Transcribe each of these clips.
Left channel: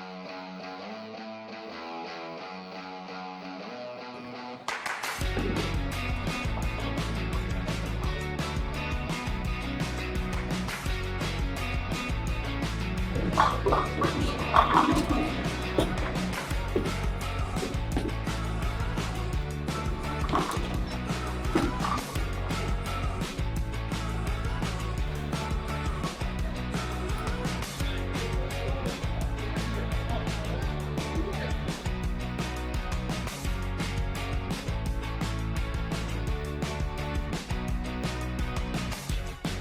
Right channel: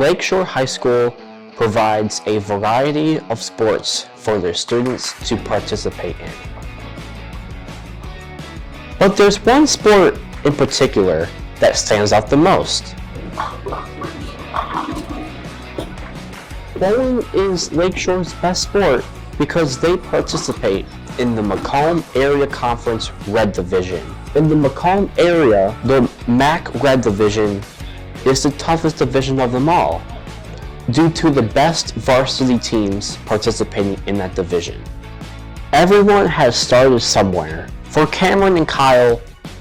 Lakeshore High School provides a variety of sports for their students to participate in. But there's one sport in particular that stands out the most. Bowling is Lakeshore's best sport because they participate in the Macomb Area Conference Red Division. In the Macomb area, the MAC Red Division is the toughest division of them all, due to the best varsity teams participating in that division. Everyone has started somewhere. For Cameron and Kyle,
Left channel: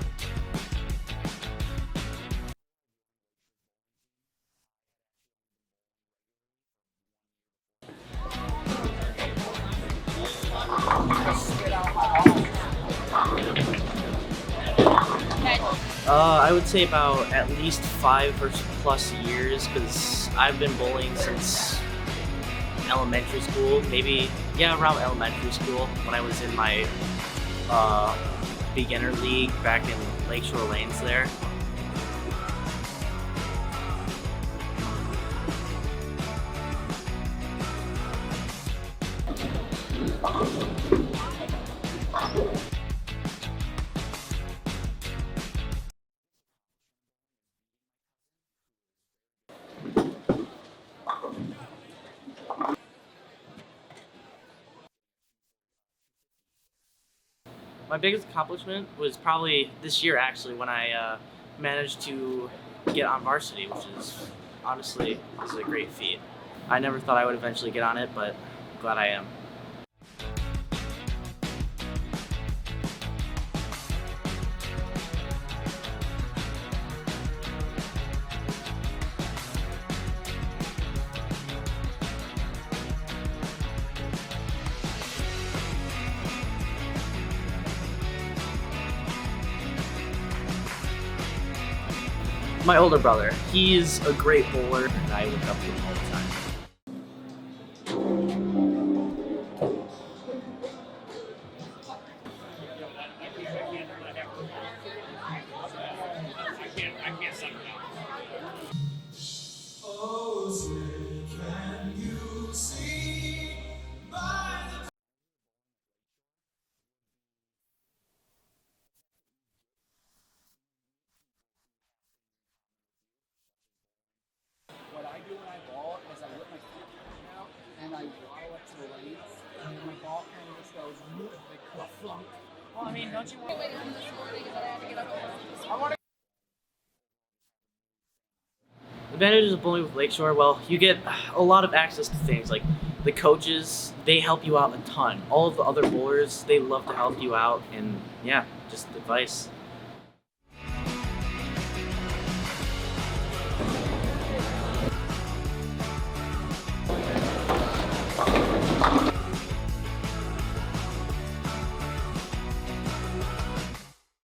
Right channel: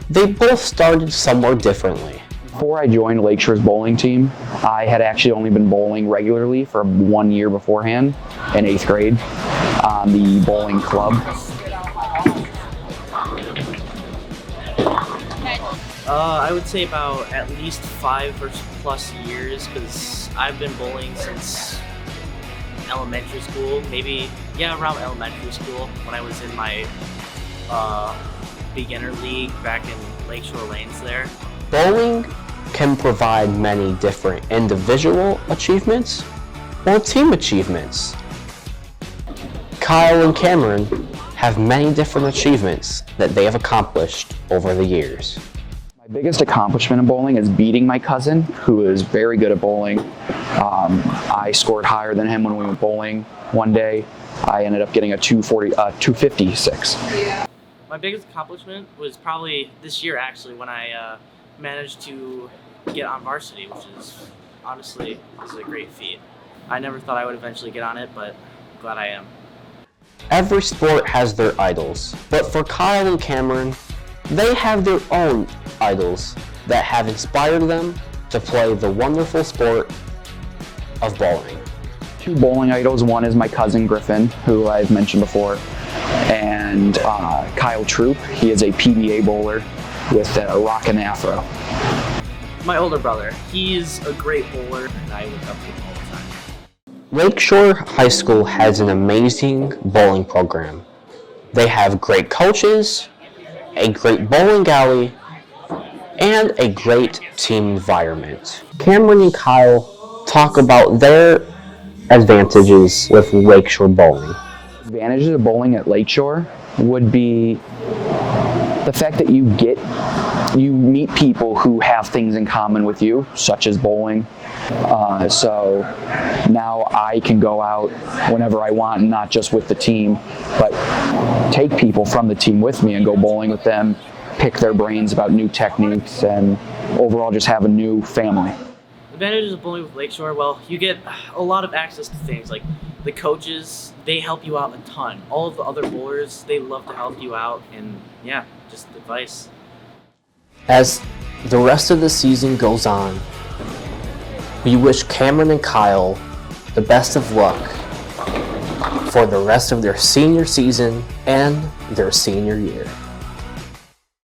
they both started somewhere differently. Before I joined Lakeshore's bowling team, I had actually only been bowling regularly for 1 year beforehand in 8th grade on the bowling club. I would say about at least 5 or plus years, because I've been bowling since elementary school, around elementary school, when I was in my beginner league back in Lakeshore Lanes there. Bowling can provide many different individual achievements or team achievements. Kyle and Cameron have many different achievements that they have accomplished over the years. My biggest accomplishment in bowling is beating my cousin, who is very good at bowling. I scored higher than him when we went bowling one day. I ended up getting a 256. My biggest accomplishment was probably this year, actually, when I managed to get on varsity, which is honestly is a great feat. I never thought I would eventually get on it, but I'm glad I am. Every sport has their idols, but for Kyle and Cameron, they have their own idols that have inspired them to play the wonderful sport of bowling. 2 bowling idols. One is my cousin Griffin, who I've mentioned before, and Kyle Troop. He is a PBA bowler with a rockin' afro. My older brother, he's a great bowler, and I look up to him all the time. Lakeshore High School has an amazing bowling program. They have great coaches, a great bowling alley, and a great team environment. Cameron and Kyle talk about their advantages with Lakeshore bowling. Advantages of bowling at Lakeshore would be the fact that you meet people who have things in common with you, such as bowling. So now I can go out whenever I want, not just with the team, but take people from the team with me and go bowling with them, pick their brains about new techniques, and overall just have a new family. Advantages of bowling with Lakeshore, well, you get a lot of access to things like the coaches, they help you out a ton. All of the other bowlers, they love to help you out, and yeah, just advice. As the rest of the season goes on, we wish Cameron and Kyle the best of luck for the rest of their senior season and their senior year.